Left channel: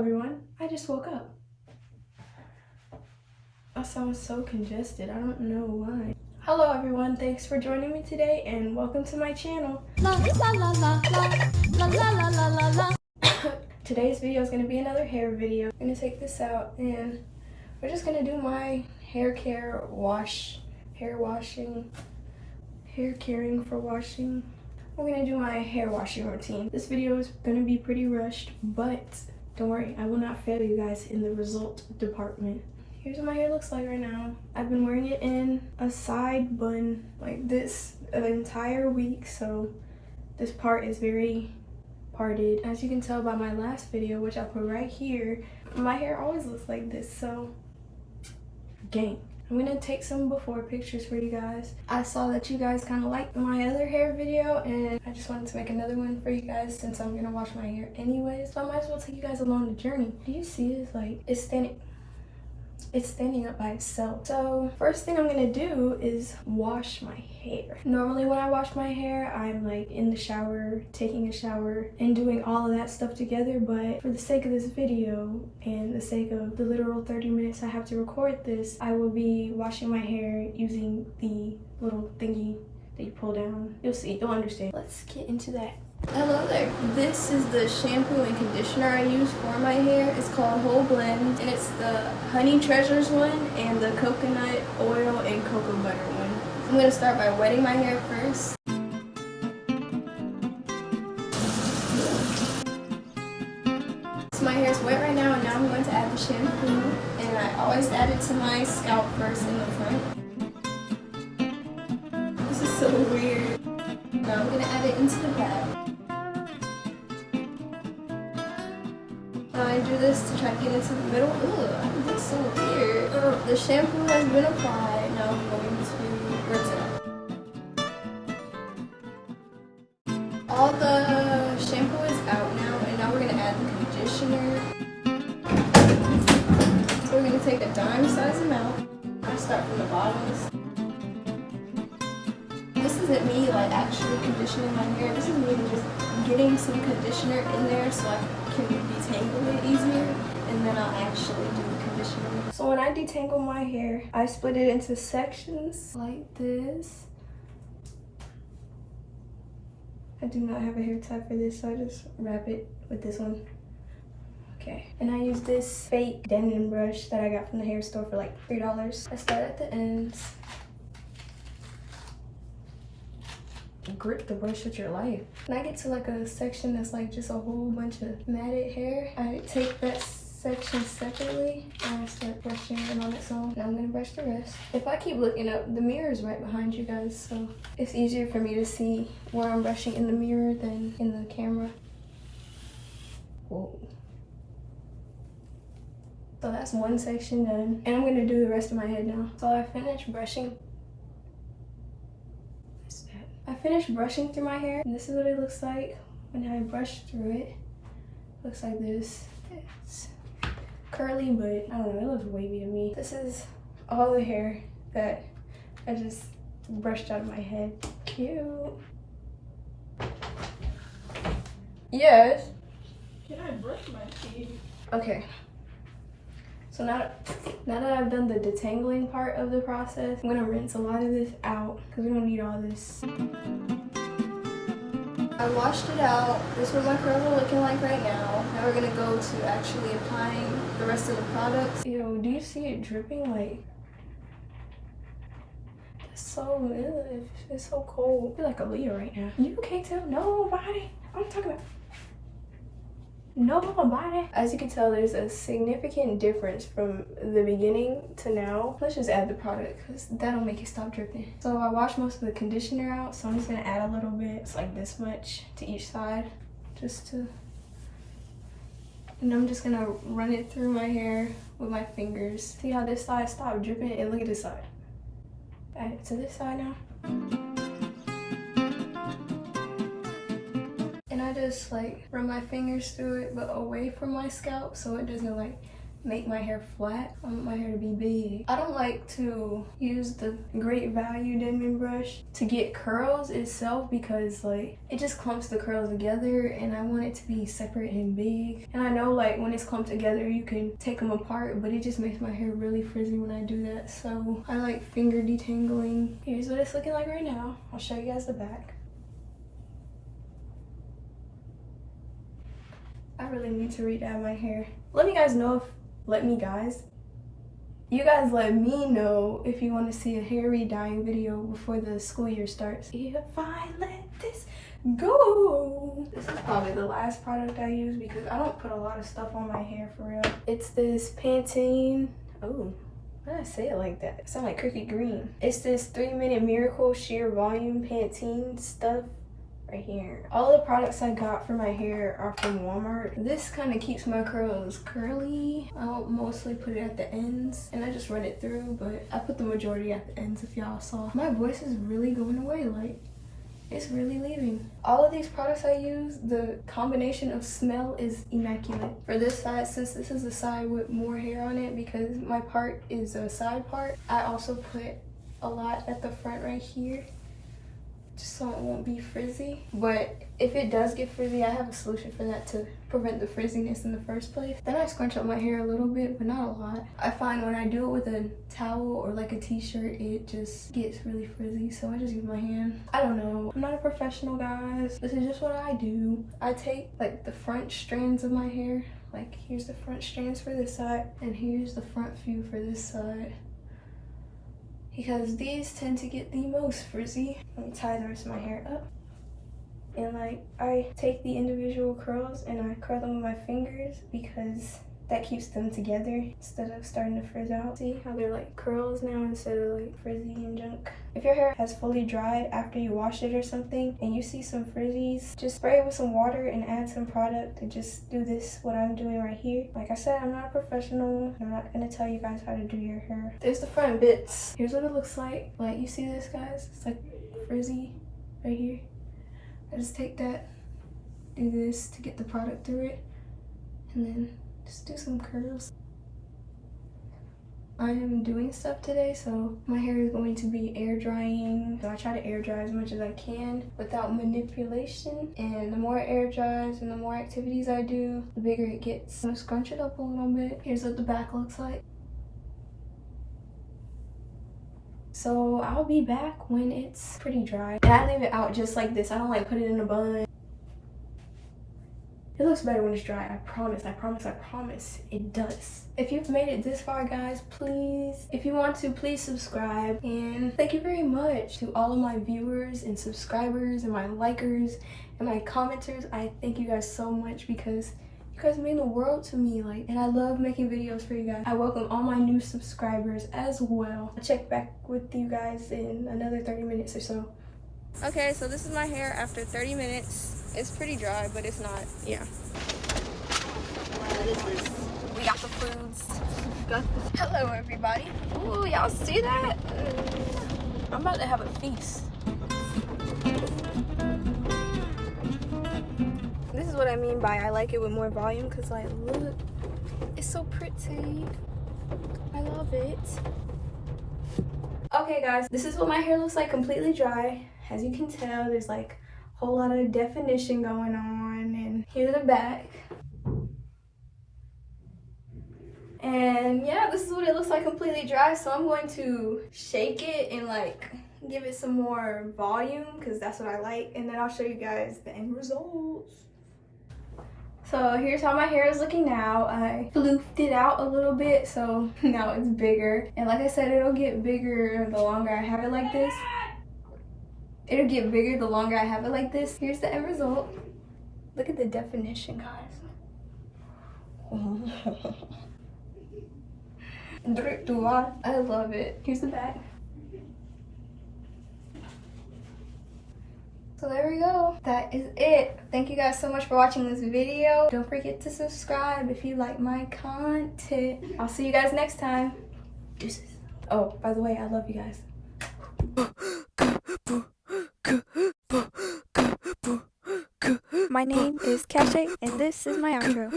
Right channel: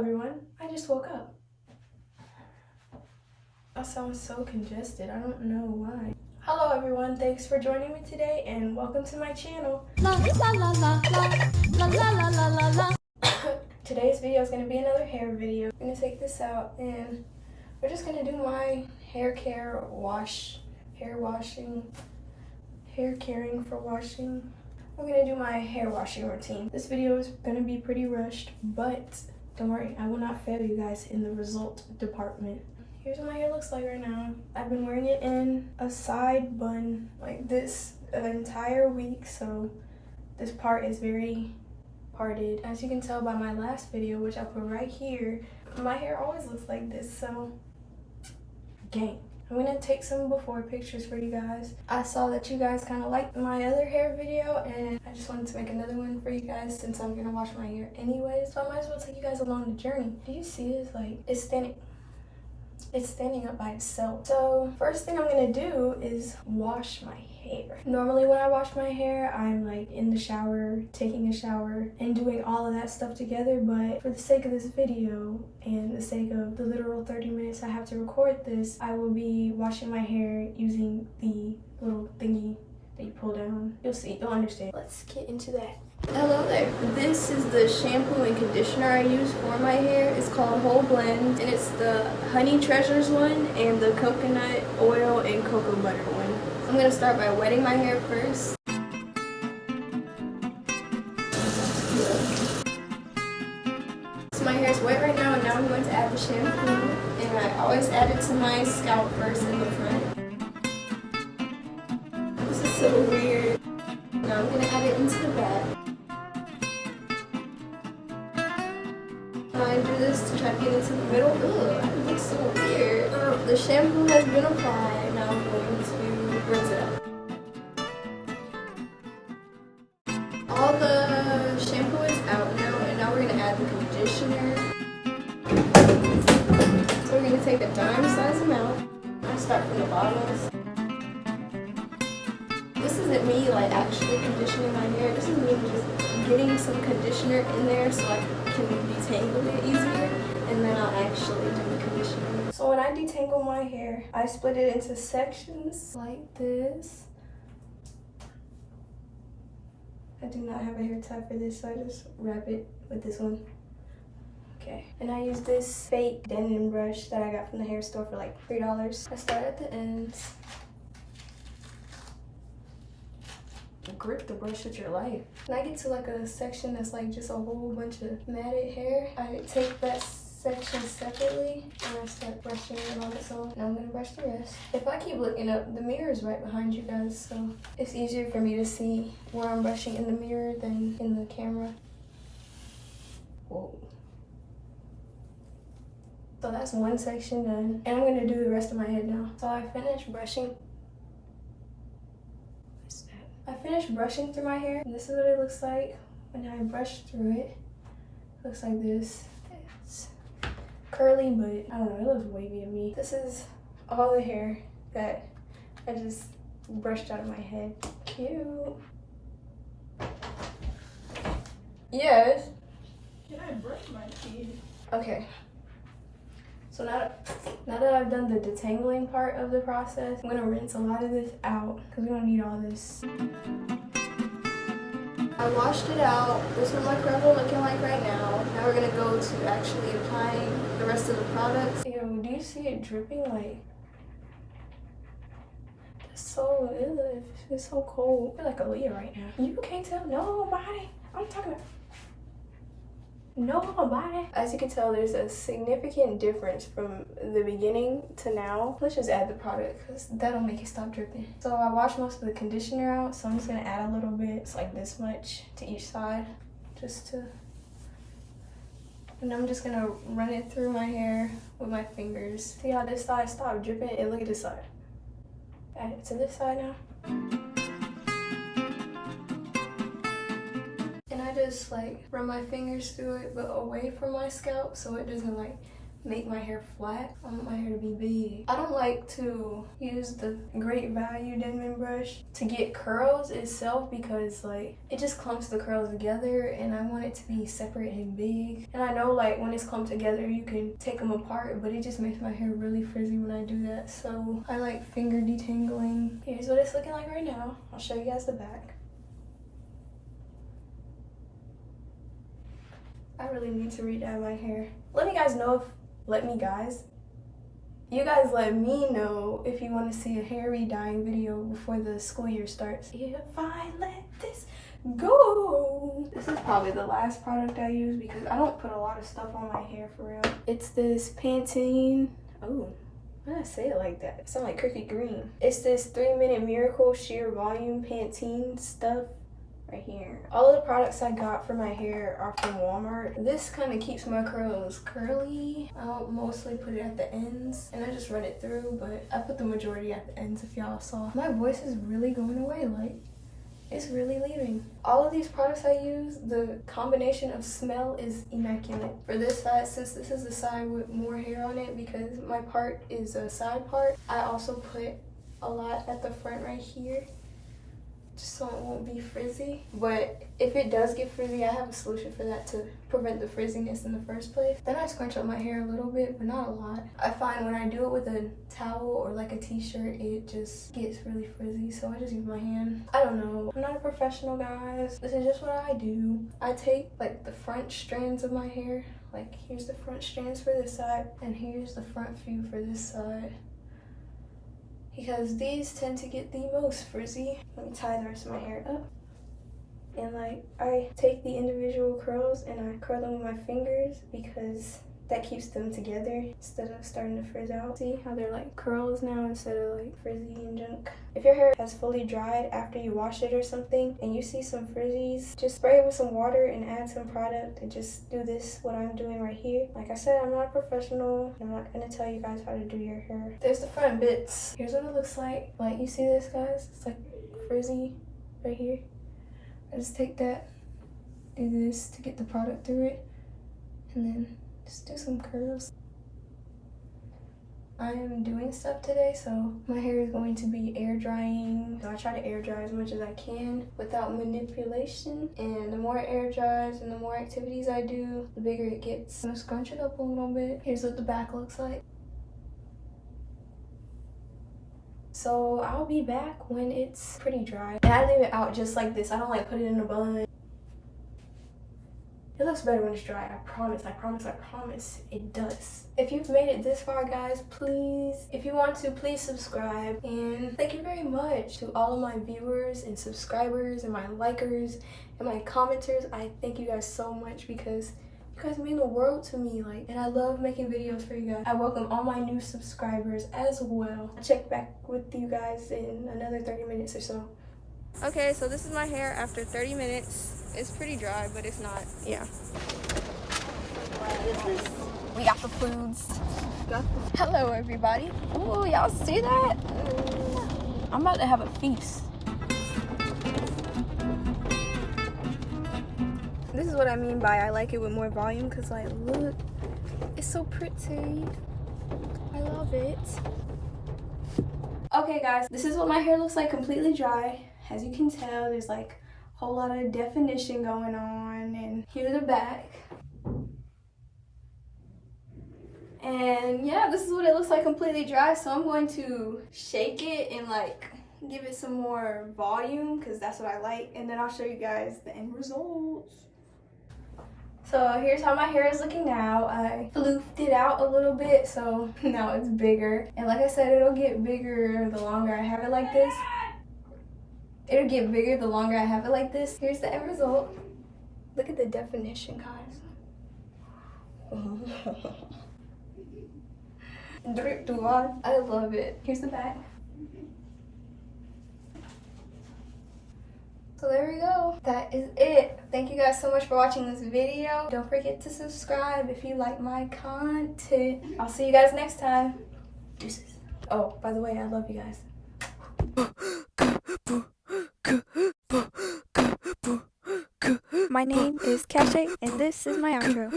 everyone. I just woke up. I sound so congested. I don't know why. Hello everyone. Thanks for joining me today and welcome to my channel. La la la la la la la la la la. Today's video is going to be another hair video. I'm going to take this out and we're just going to do my hair care hair caring for washing. We're going to do my hair washing routine. This video is going to be pretty rushed, but don't worry, I will not fail you guys in the result department. Here's what my hair looks like right now. I've been wearing it in a side bun like this the entire week, so this part is very parted. As you can tell by my last video, which I'll put right here, my hair always looks like this, so gang. I'm gonna take some before pictures for you guys. I saw that you guys kind of liked my other hair video and I just wanted to make another one for you guys since I'm gonna wash my hair anyway. So I might as well take you guys along the journey. Do you see it's like, it's standing up by itself. So first thing I'm gonna do is wash my hair. Normally when I wash my hair, I'm like in the shower, taking a shower and doing all of that stuff together, but for the sake of this video and the sake of the literal 30 minutes I have to record this, I will be washing my hair using the little thingy that you pull down. You'll see, you'll understand. Let's get into that. Hello there. This is the shampoo and conditioner I use for my hair. It's called Whole Blend and it's the Honey Treasures one and the coconut oil and cocoa butter one. I'm going to start by wetting my hair first. So my hair is wet right now and now I'm going to add the shampoo and I always add it to my scalp first in the front. This is so weird. Now I'm going to add it into the back. I do this to try to get into the middle. Ugh, it looks so weird. The shampoo has been applied. Now I'm going to rinse it out. All the shampoo is out now, and now we're going to add the conditioner. So we're going to take a dime size amount. I start from the bottoms. This isn't me like actually conditioning my hair. This is me just getting some conditioner in there so I can detangle it easier, and then I'll actually do the conditioning. So when I detangle my hair, I split it into sections like this. I do not have a hair tie for this, so I just wrap it with this one. Okay, and I use this fake Denon brush that I got from the hair store for like $3. I start at the ends. Grip the brush with your life. When I get to like a section that's like just a whole bunch of matted hair, I take that section separately and I start brushing it on its own. And I'm gonna brush the rest. If I keep looking up, the mirror is right behind you guys, so it's easier for me to see where I'm brushing in the mirror than in the camera. Whoa. So that's one section done, and I'm gonna do the rest of my head now. So I finished brushing. I finished brushing through my hair, and this is what it looks like when I brush through it. It looks like this. It's curly, but I don't know, it looks wavy to me. This is all the hair that I just brushed out of my head. Cute. Yes? Can I brush my teeth? Okay. So now that I've done the detangling part of the process, I'm gonna rinse a lot of this out because we don't need all this. I washed it out. This is what my curls are looking like right now. Now we're gonna go to actually applying the rest of the products. Yo, do you see it dripping? Like, it's so, ew, it's so cold. I feel like a Leah right now. You can't tell nobody. I'm talking about nobody. As you can tell, there's a significant difference from the beginning to now. Let's just add the product because that'll make it stop dripping. So I washed most of the conditioner out, so I'm just gonna add a little bit. It's like this much to each side, and I'm just gonna run it through my hair with my fingers. See how this side stopped dripping, and look at this side. Add it to this side now. I just like run my fingers through it but away from my scalp so it doesn't like make my hair flat. I want my hair to be big. I don't like to use the Great Value Denman brush to get curls itself because like it just clumps the curls together and I want it to be separate and big. And I know like when it's clumped together you can take them apart, but it just makes my hair really frizzy when I do that. So I like finger detangling. Here's what it's looking like right now. I'll show you guys the back. I really need to re-dye my hair. Let me know if you want to see a hair re-dyeing video before the school year starts. If I let this go. This is probably the last product I use because I don't put a lot of stuff on my hair for real. It's this Pantene. Oh, why did I say it like that? It sounds like Cricket Green. It's this 3-Minute Miracle Sheer Volume Pantene stuff. Right here. All of the products I got for my hair are from Walmart. This kind of keeps my curls curly. I'll mostly put it at the ends and I just run it through, but I put the majority at the ends if y'all saw. My voice is really going away, like it's really leaving. All of these products I use, the combination of smell is immaculate. For this side, since this is the side with more hair on it because my part is a side part, I also put a lot at the front right here, just so it won't be frizzy. But if it does get frizzy, I have a solution for that to prevent the frizziness in the first place. Then I scrunch up my hair a little bit, but not a lot. I find when I do it with a towel or like a t-shirt, it just gets really frizzy, so I just use my hand. I don't know, I'm not a professional, guys. This is just what I do. I take like the front strands of my hair, like here's the front strands for this side and here's the front few for this side, because these tend to get the most frizzy. Let me tie the rest of my hair up. And like, I take the individual curls and I curl them with my fingers because that keeps them together instead of starting to frizz out. See how they're like curls now instead of like frizzy and junk. If your hair has fully dried after you wash it or something and you see some frizzies, just spray it with some water and add some product and just do this, what I'm doing right here. Like I said, I'm not a professional. I'm not gonna tell you guys how to do your hair. There's the front bits. Here's what it looks like. Like, you see this, guys? It's like frizzy right here. I just take that, do this to get the product through it, and then just do some curls. I am doing stuff today, so my hair is going to be air drying. So I try to air dry as much as I can without manipulation. And the more air dries and the more activities I do, the bigger it gets. I'm gonna scrunch it up a little bit. Here's what the back looks like. So I'll be back when it's pretty dry. And I leave it out just like this. I don't like put it in a bun. It looks better when it's dry. I promise, I promise, I promise. It does. If you've made it this far, guys, please, if you want to, please subscribe. And thank you very much to all of my viewers and subscribers and my likers and my commenters. I thank you guys so much because you guys mean the world to me, like, and I love making videos for you guys. I welcome all my new subscribers as well. I'll check back with you guys in another 30 minutes or so. Okay, so this is my hair after 30 minutes. It's pretty dry, but it's not, yeah. We got the foods. Hello, everybody. Oh, y'all see that? I'm about to have a feast. This is what I mean by I like it with more volume, because like, look, it's so pretty. I love it. Okay guys, this is what my hair looks like completely dry. As you can tell, there's like a whole lot of definition going on, and here's the back. And yeah, this is what it looks like completely dry. So I'm going to shake it and like give it some more volume because that's what I like, and then I'll show you guys the end results. So here's how my hair is looking now. I floofed it out a little bit, so now it's bigger. And like I said, it'll get bigger the longer I have it like this. It'll get bigger the longer I have it like this. Here's the end result. Look at the definition, guys. I love it. Here's the back. So there we go. That is it. Thank you guys so much for watching this video. Don't forget to subscribe if you like my content. I'll see you guys next time. Deuces. Oh, by the way, I love you guys. My name is Cache, and this is my outro.